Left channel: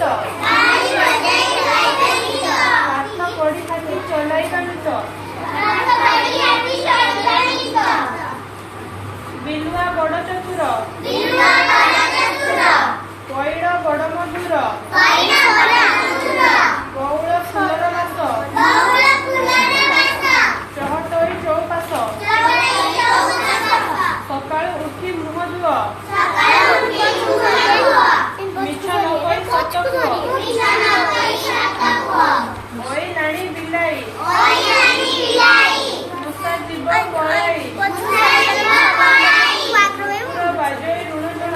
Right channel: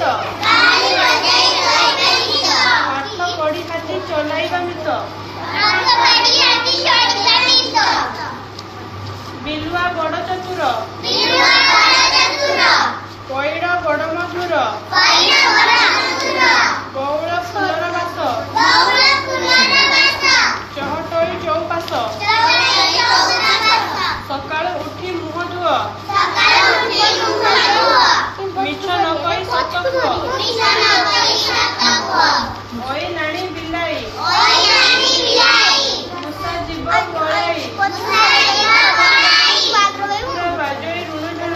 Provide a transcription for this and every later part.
ତ ପାଠ ପଢି ହାତୀ ଚଲାଇବାନି ତ ବିଲୁଆ ବଡ଼ ଚତୁର ପଇଡ଼ ବଡ଼ ମଧୁର ବଉଳ ଫୁଲର ବାସ ଚହଟୋଇ ଚଉପାଶ ସକାଳୁ ଉଠି ମୁହଁ ଧୁଅ ମିଛ ନ କହି ସତ କୁହ ଓଇ ନାଣି ବିଲାଇ ମୂଷା ଯିବ ପଳାଇ ବାଜଇ ରୁଣୁଝୁଣ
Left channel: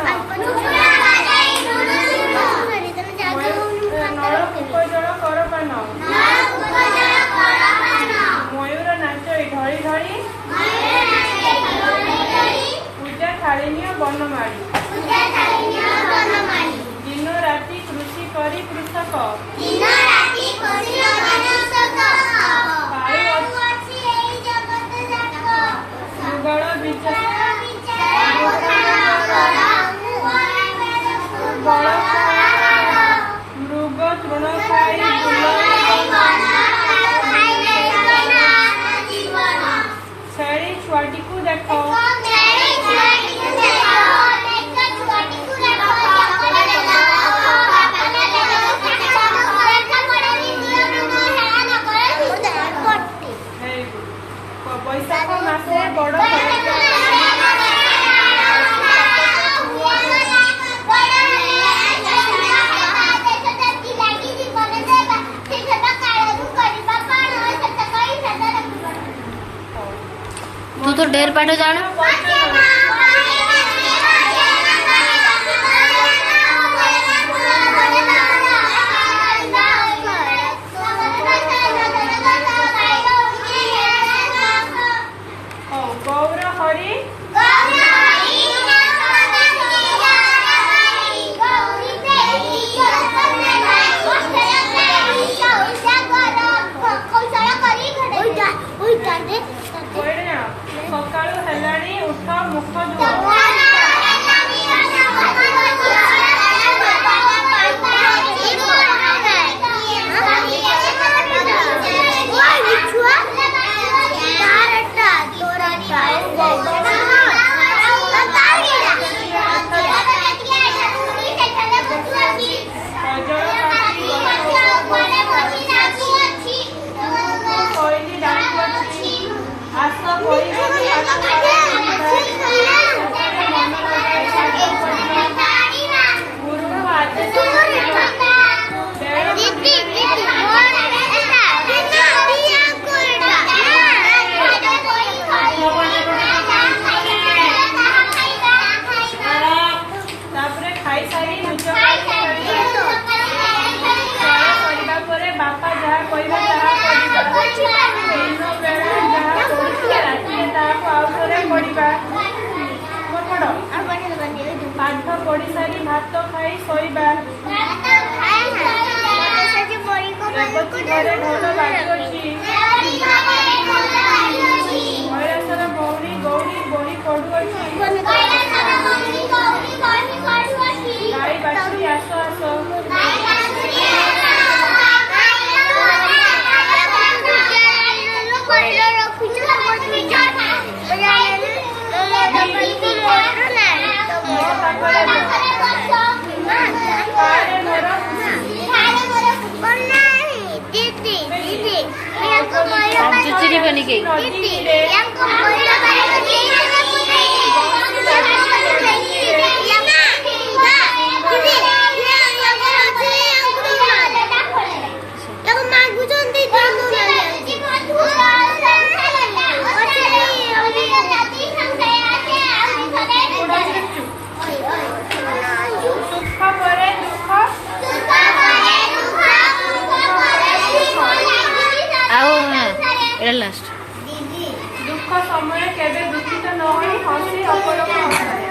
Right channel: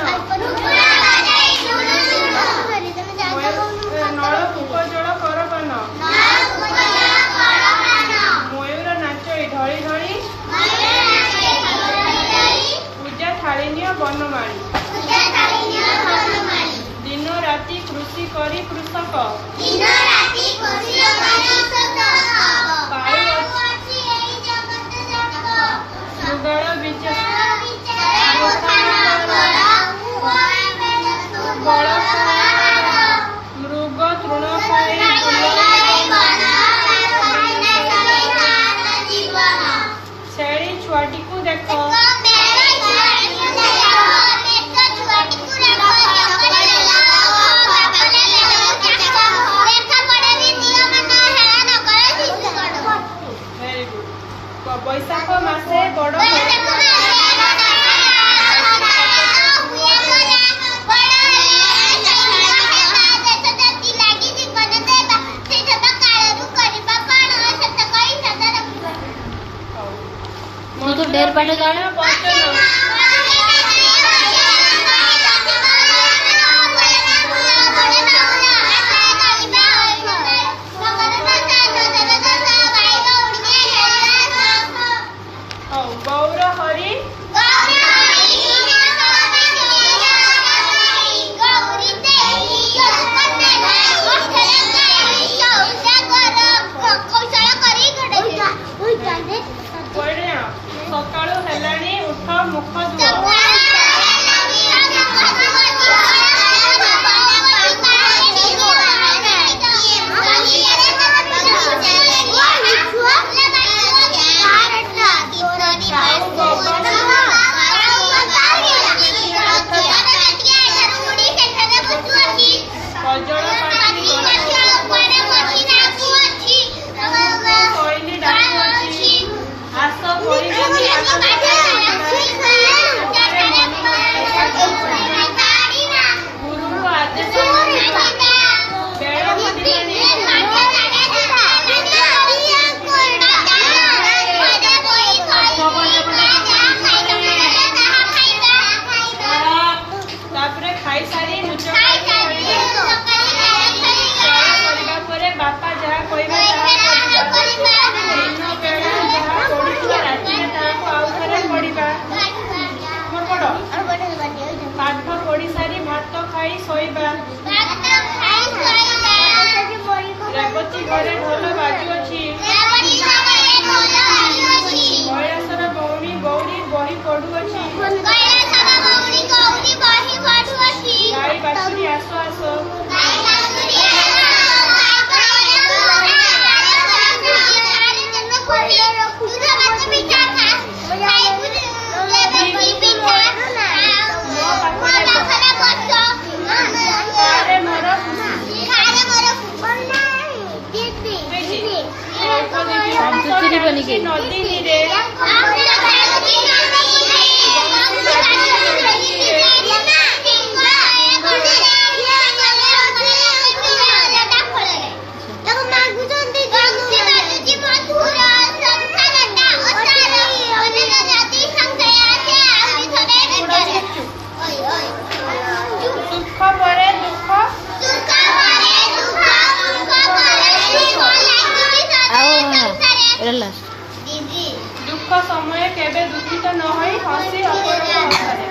ନଳକୂପ ଜଳ କରପାନ ମୟୂର ନାଚଇ ଢଳି ଢଳି ପୂଜା ଥାଳିନିଅ ବନମାଳି ଦିନ ରାତି କୃଷି କରି କୃଷକ ଯୁଗଳ ମୃଗ ତୃଣ ଖାଇ ଛେଳି ଛୁଆଟିକୁ ଦେଖ ବୈଶାଖ ମାସେ ବଡ଼ तू तो ढेर पाठ जान ଗୌର ହରି ସକାଳୁ ହେଲାଣି ଉଠ ମୁଖ ଧୁଅ ପାଠ ପଢି ସାରି ଭାତ ଖାଇ ଶୋଇବା ରେବତୀ ଘରେ ଢୋଲ ବାଜୁଅଛି କୈଳାସର ଗୌରୀ ଗୌରୀ ବହି ପଢୁଅଛି ଗାଈ ବାଛୁରୀ ଆସ ଆସ चुचुरी बनी गई ଦୁଃଖ ସମୟ କେବେ ଦୁଃଖିତ ନ ହୋଇ ହସି ଅପରକୁ ହସାଏ।